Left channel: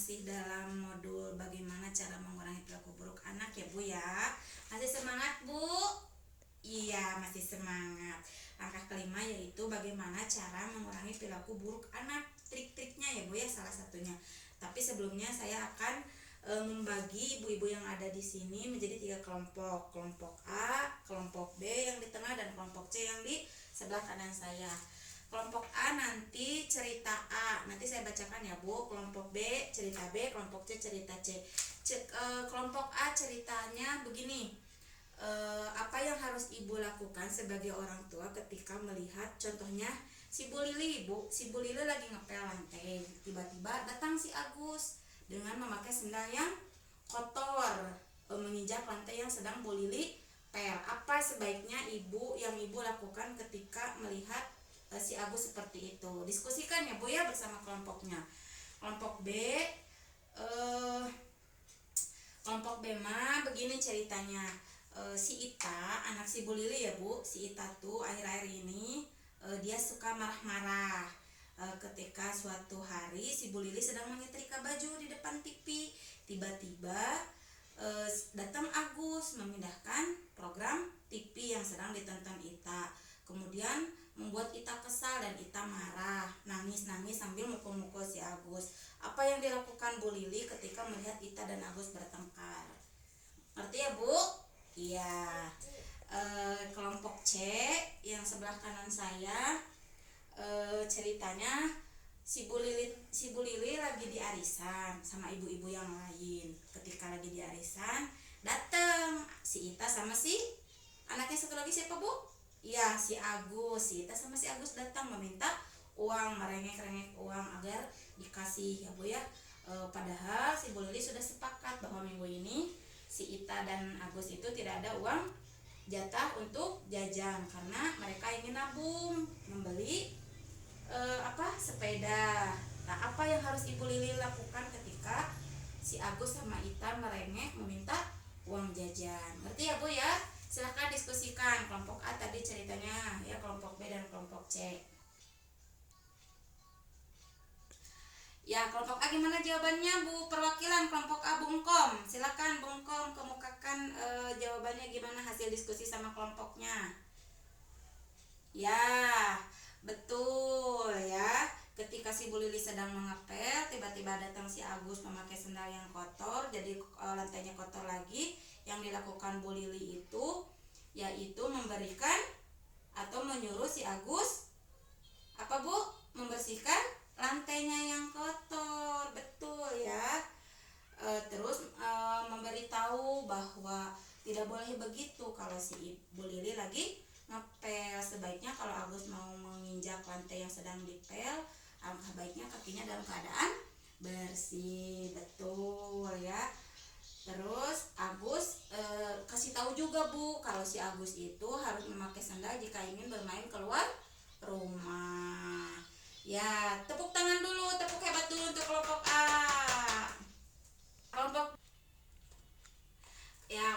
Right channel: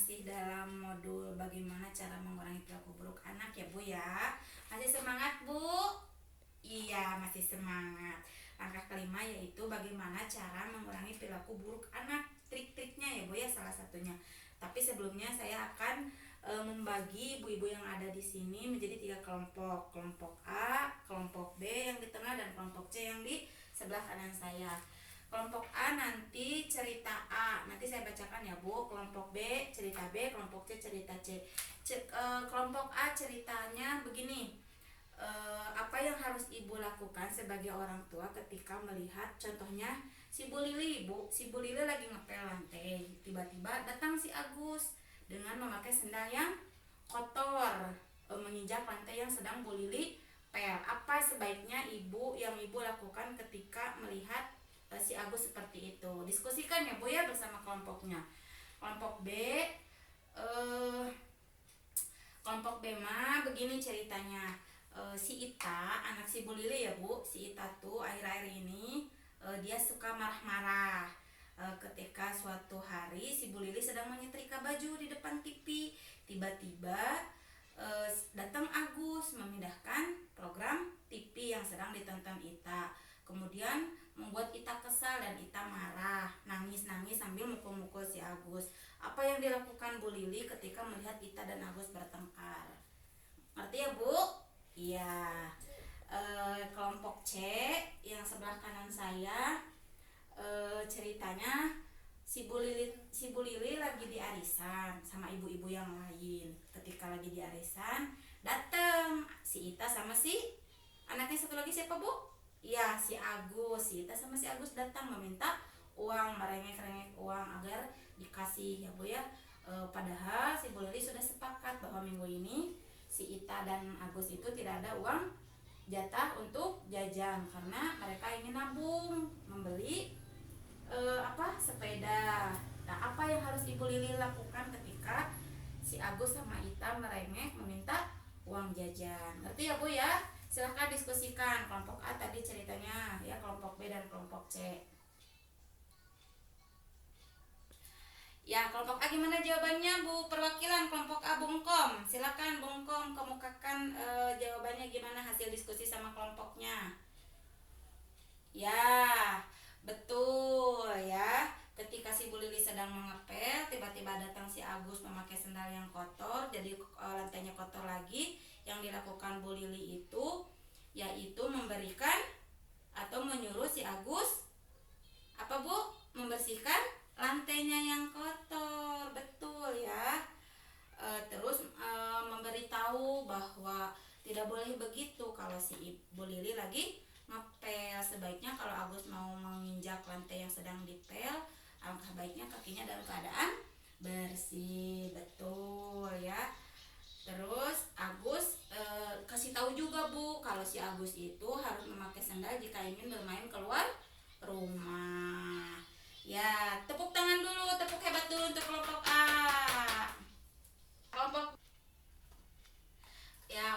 masih dalam modul bagaimana cara mengurangi perilaku buruk anak ya Bu ya. Masih semangat Bu? Iya, masih semangat. Langkah kelima yaitu bagaimana cara mengurangi perilaku buruk anak. Trik-triknya ya Bu ya, salah satunya. Tapi sebelumnya saya akan membagi ibu-ibu yang ada di sini menjadi 3 kelompok. Kelompok A, kelompok B yang di tengah, dan kelompok C yang di sebelah kanan saya. Kelompok A nanti cerita A, nanti saya bacakan ya Bu. Kelompok B cerita B, kelompok C cerita C. Kelompok A ceritanya begini. Apa yang harus ibu lakukan sebagai orang tua ketika melihat contohnya si Bu Lili, Bu. Si Bu Lili lagi ngepel lantai, tiba-tiba datang si Agus dengan memakai sendal yang kotor, menginjak lantai yang sedang Bu Lili pel. Apa sebaiknya ibu lakukan ketika melihat si Agus seperti itu? Diskusikan ya Bu ya bersama kelompoknya. Kelompok B mah begini ceritanya. Si Ita, anak si Bu Lili ya Bu, si Ita tuh akhir-akhir ini dia suka marah-marah. Ketika suatu hari si Bu Lili sedang menyetrika baju di depan TV, tiba-tiba datang Agus memindahkan program TV yang sedang ditonton Ita. Kemudian membuat Ita kesal dan Ita marah, nangis-nangis sambil mukul-mukul si Agus. Apa yang dilakukan Bu Lili ketika melihat Ita dan Agus bertengkar? Ngerti ya Bu? Iya. Kelompok C yang sebelah kanan saya, ceritanya si Bu Lili lagi di arisan sama ibu-ibu yang lain. Ketika lagi di arisan, datang si Ita sama si anaknya satu lagi, siapa Bu? Ya, si Agus. Si Ita sama si Agus datang meminta uang, merengek-rengek uang agar dikasih ya Bu ya. Padahal si Bu Lili sudah sepakat bahwa minggu ini si Ita dan Agus itu tidak ada uang jatah untuk jajan karena mereka ingin nabung membeli sepeda. Nah, apa yang harus Ibu Lili lakukan ketika si Agus sama Ita merengek meminta uang jajan? Ngerti ya Bu ya? Silahkan diskusikan. Kelompok A tadi ceritanya ya, kelompok B dan kelompok C. Ya, kelompok A gimana jawabannya Bu? Perwakilan kelompok A Bung Kom. Silakan Bung Kom kemukakan jawabannya gimana hasil diskusi sama kelompoknya. Ya, betul ya. Ketika si Bu Lili sedang mengepel, tiba-tiba datang si Agus memakai sendal yang kotor, jadi lantainya kotor lagi. Yang dilakukan Bu Lili itu yaitu memberikan atau menyuruh si Agus apa Bu? Membersihkan lantainya yang kotor. Betul ya. Terus memberitahu bahwa tidak boleh begitu kalau si Bu Lili lagi ngepel. Sebaiknya kalau Agus mau menginjak lantai yang sedang dipel, alangkah baiknya kakinya dalam keadaan bersih. Betul ya. Terus Agus kasih tahu juga Bu kalau si Agus itu harus memakai sandal jika ingin bermain keluar rumah. Ya, tepuk tangan dulu, tepuk hebat dulu untuk kelompok A.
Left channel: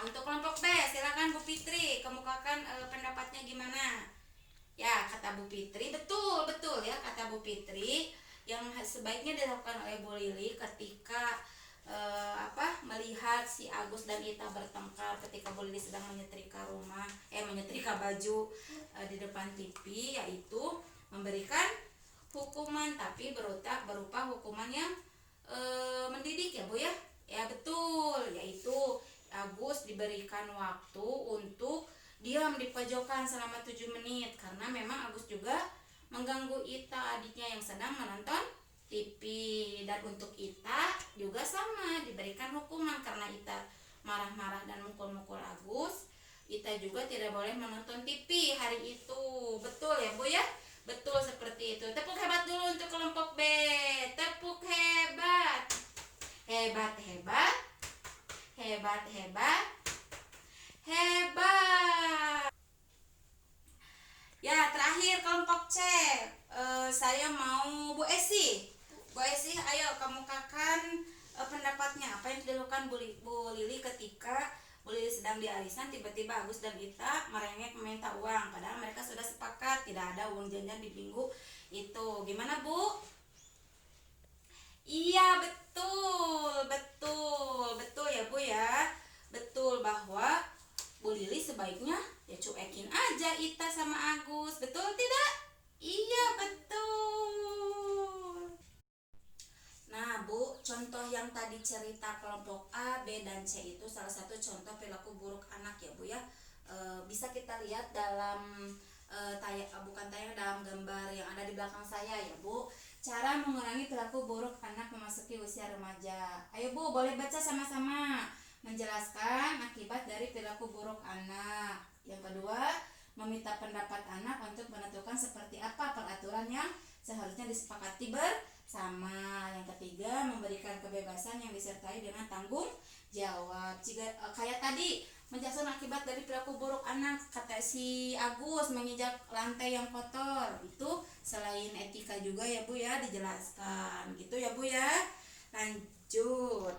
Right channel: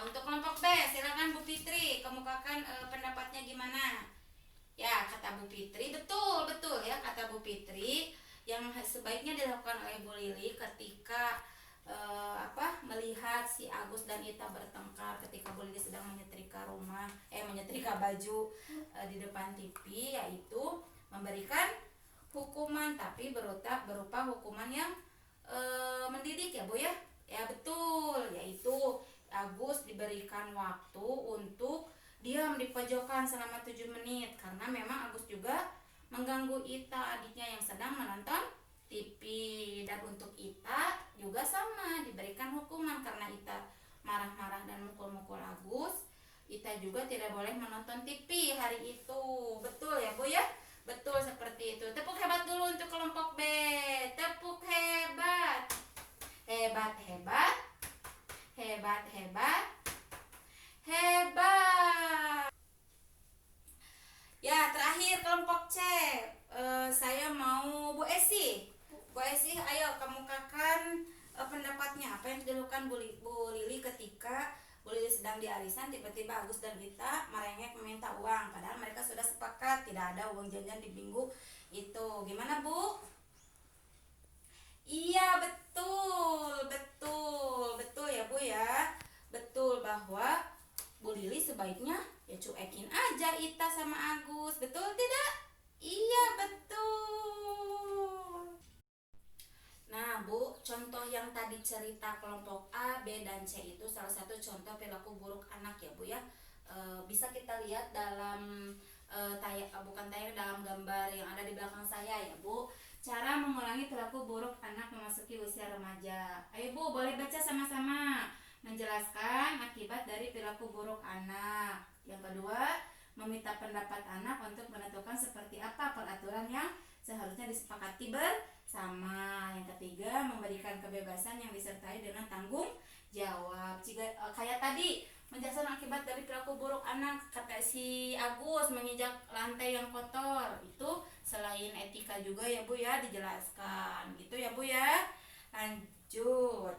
Untuk kelompok B, silakan Bu Fitri kemukakan pendapatnya gimana? Ya, kata Bu Fitri, betul ya kata Bu Fitri, yang sebaiknya dilakukan oleh Bu Lili ketika melihat si Agus dan Ita bertengkar ketika Bu Lili sedang menyetrika baju di depan TV, yaitu memberikan hukuman, tapi berupa hukuman yang mendidik ya Bu ya. Ya betul, yaitu Agus diberikan waktu untuk diam di pojokan selama 7 menit karena memang Agus juga mengganggu Ita, adiknya yang sedang menonton TV. Dan untuk Ita juga sama, diberikan hukuman karena Ita marah-marah dan mukul-mukul Agus. Ita juga tidak boleh menonton TV hari itu. Betul ya Bu ya? Betul seperti itu. Tepuk hebat dulu untuk kelompok B. Tepuk hebat. Hebat. Ya, terakhir kelompok C. Saya mau Bu Esi. Bu Esi, ayo kemukakan pendapatnya. Apa yang dilakukan Bu Lili ketika Bu Lili sedang di arisan, tiba-tiba Agus dan Ita merengek meminta uang, padahal mereka sudah sepakat tidak ada uang jajan di minggu itu. Gimana Bu? Iya betul. contoh yang tadi cerita kelompok A, B, dan C itu salah satu contoh perilaku buruk anak ya Bu ya. Bisa kita lihat dalam dalam gambar yang ada di belakang saya ya Bu. Cara mengurangi perilaku buruk anak memasuki usia remaja. Ayo Bu, boleh baca sama-sama. Menjelaskan akibat dari perilaku buruk anak. Yang kedua, meminta pendapat anak untuk menentukan seperti apa peraturan yang seharusnya disepakati bersama. Yang ketiga, memberikan kebebasan yang disertai dengan tanggung jawab. Kayak tadi, menjelaskan akibat dari perilaku buruk anak, kata si Agus menginjak lantai yang kotor, itu selain etika juga ya Bu ya, dijelaskan gitu ya Bu ya. Lanjut.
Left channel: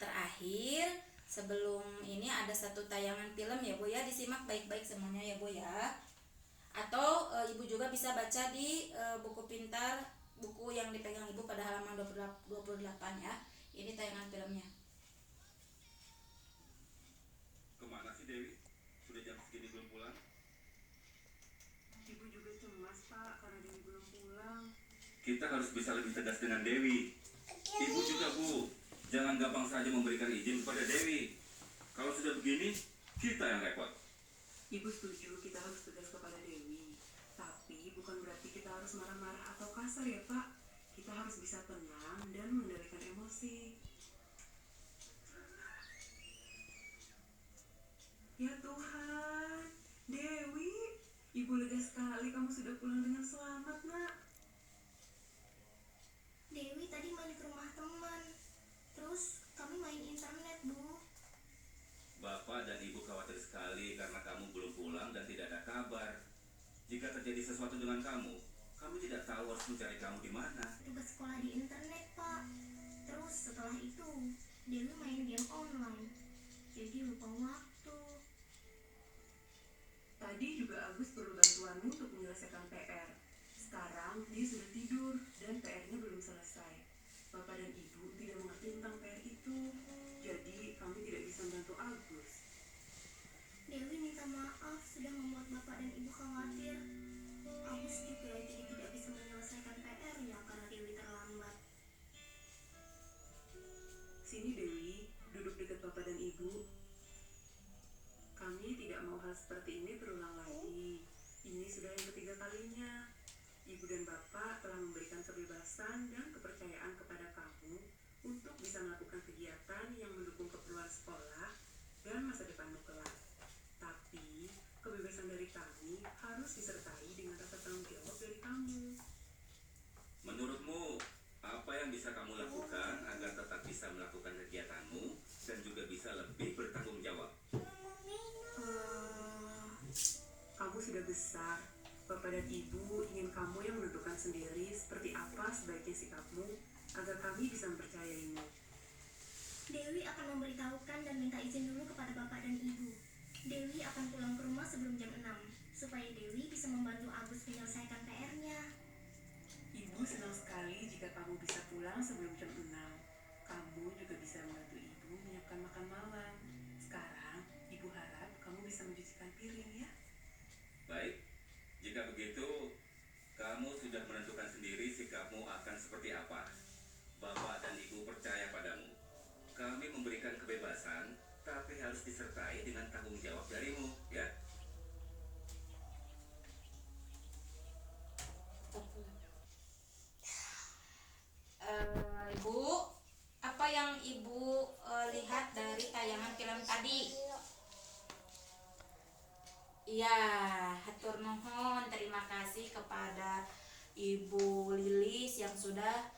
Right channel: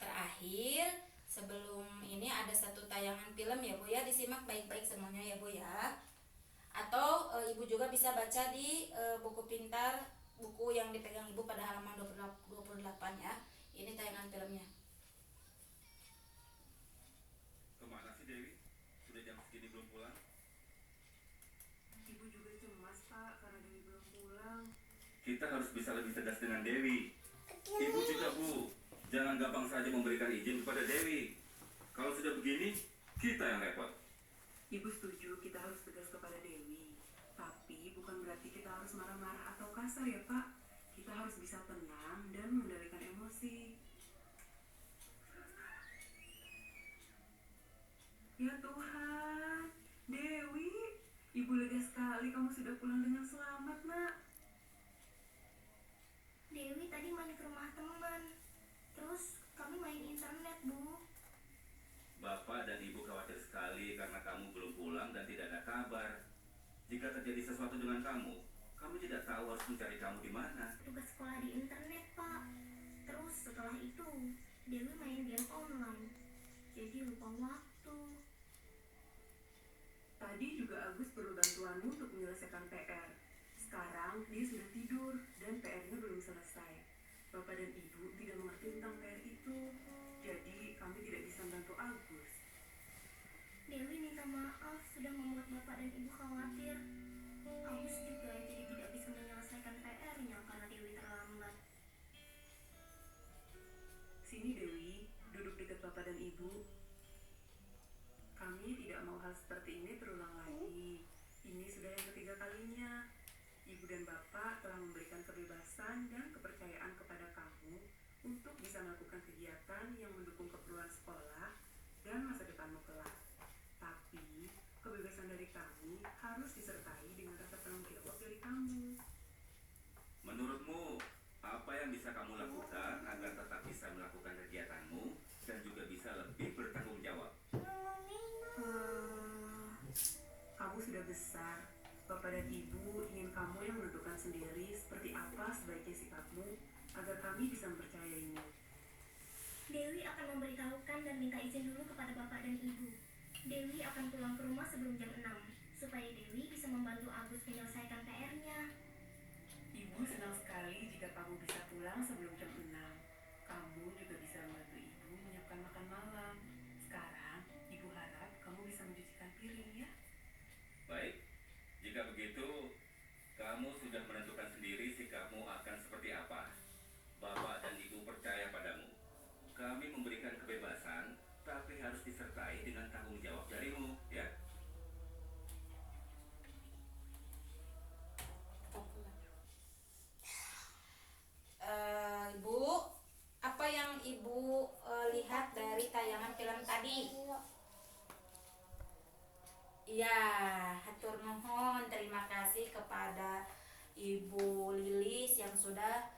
Terakhir, sebelum ini ada satu tayangan film ya Bu ya, disimak baik-baik semuanya ya Bu ya. Atau Ibu juga bisa baca di buku pintar, buku yang dipegang Ibu pada halaman 28 ya. Ini tayangan filmnya. Kemana sih Dewi? Sudah jam segini belum pulang? Ibu juga cemas Pak karena Dewi belum pulang. Kita harus bisa lebih tegas dengan Dewi. Ibu juga Bu, jangan gampang saja memberikan izin kepada Dewi. Kalau sudah begini, kita yang repot. Ibu setuju kita harus tegas kepada Dewi. Tapi bukan berarti kita harus marah-marah atau kasar ya Pak. Kita harus bisa tenang dan mengendalikan emosi. Ya Tuhan, Dewi, Ibu lega sekali kamu sudah pulang dengan selamat nak. Dewi tadi main ke rumah teman. Terus kami main internet, Bu. Bapak dan Ibu khawatir sekali karena kamu belum pulang dan tidak ada kabar. Jika terjadi sesuatu dengan kamu, kami tidak tahu harus mencari kamu di mana. Tugas sekolah di internet, Pak. Terus setelah itu, Dewi main game online. Jadi lupa waktu. Tadi juga Agus perlu bantuanmu untuk menyelesaikan PR. Sekarang dia sudah tidur dan PR-nya belum selesai. Bapak dan Ibu tidak mengerti tentang PR itu. Jadi kami tidak bisa membantu Agus. Dewi minta maaf sudah membuat Bapak dan Ibu khawatir. Agus juga jadi tidak bisa menyelesaikan PR-nya karena Dewi terlambat. Sini Dewi, duduk dekat Bapak dan Ibu. Kami tidak mau hal seperti ini berulang lagi. Ini sudah yang ketiga kalinya. Ibu dan Bapak telah memberikan kebebasan dan kepercayaan kepada kamu untuk bisa melakukan kegiatan yang mendukung keperluan sekolah dan masa depanmu kelak. Tapi, kebebasan dari kami harus disertai dengan rasa tanggung jawab dari kamu. Menurutmu, apa yang bisa kamu lakukan agar tetap bisa melakukan kegiatanmu dan juga bisa lebih bertanggung jawab? Kamu sudah besar. Bapak dan Ibu ingin kamu yang menentukan sendiri seperti apa sebaiknya sikapmu agar kami bisa mempercayaimu. Dewi akan memberitahukan dan minta izin dulu kepada Bapak dan Ibu. Dewi akan pulang ke rumah sebelum jam 6, supaya Dewi bisa membantu Agus menyelesaikan PR-nya. Ibu senang sekali jika kamu bisa pulang sebelum jam 6. Kamu juga bisa membantu Ibu menyiapkan makan malam. Sekarang, Ibu harap kamu bisa mencucikan piring ya. Baik, jika begitu, kamu sudah menentukan sendiri sikapmu akan seperti apa. Bapak dan Ibu percaya padamu. Kami memberikan kebebasan, tapi harus disertai dengan tanggung jawab darimu, ya. Ibu, apa yang Ibu lihat dari tayangan film tadi? Iya, hatur nuhun, terima kasih kepada Ibu Lilis yang sudah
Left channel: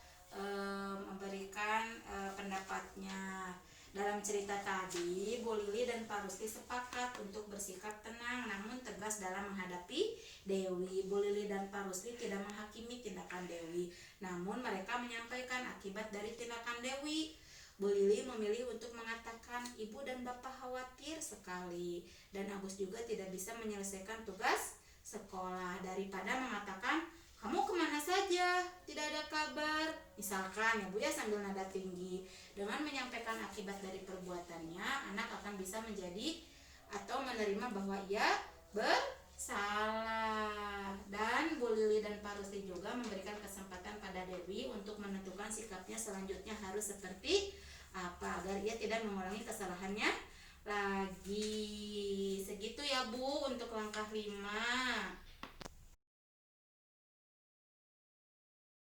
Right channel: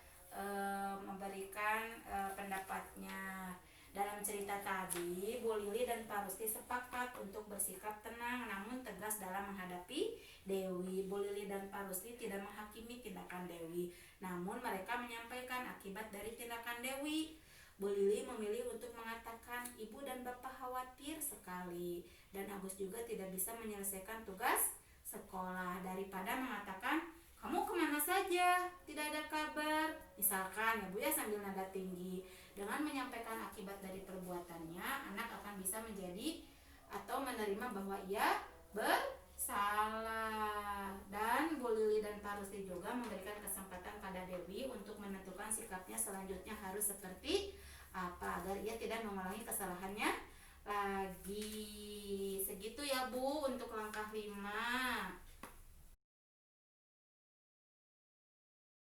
memberikan pendapatnya. Dalam cerita tadi, Bu Lili dan Pak Rusli sepakat untuk bersikap tenang namun tegas dalam menghadapi Dewi. Bu Lili dan Pak Rusli tidak menghakimi tindakan Dewi, namun mereka menyampaikan akibat dari tindakan Dewi. Bu Lili memilih untuk mengatakan Ibu dan Bapak khawatir sekali dan Agus juga tidak bisa menyelesaikan tugas sekolah, daripada mengatakan kamu kemana saja, tidak ada kabar, misalkan ya Bu ya, sambil nada tinggi. Dengan menyampaikan akibat dari perbuatannya, anak akan bisa menjadi menerima bahwa ia bersalah. Dan Bu Lili dan Pak Agusti juga memberikan kesempatan pada Dewi untuk menentukan sikapnya selanjutnya harus seperti apa agar ia tidak mengulangi kesalahannya lagi. Segitu ya Bu untuk langkah 5.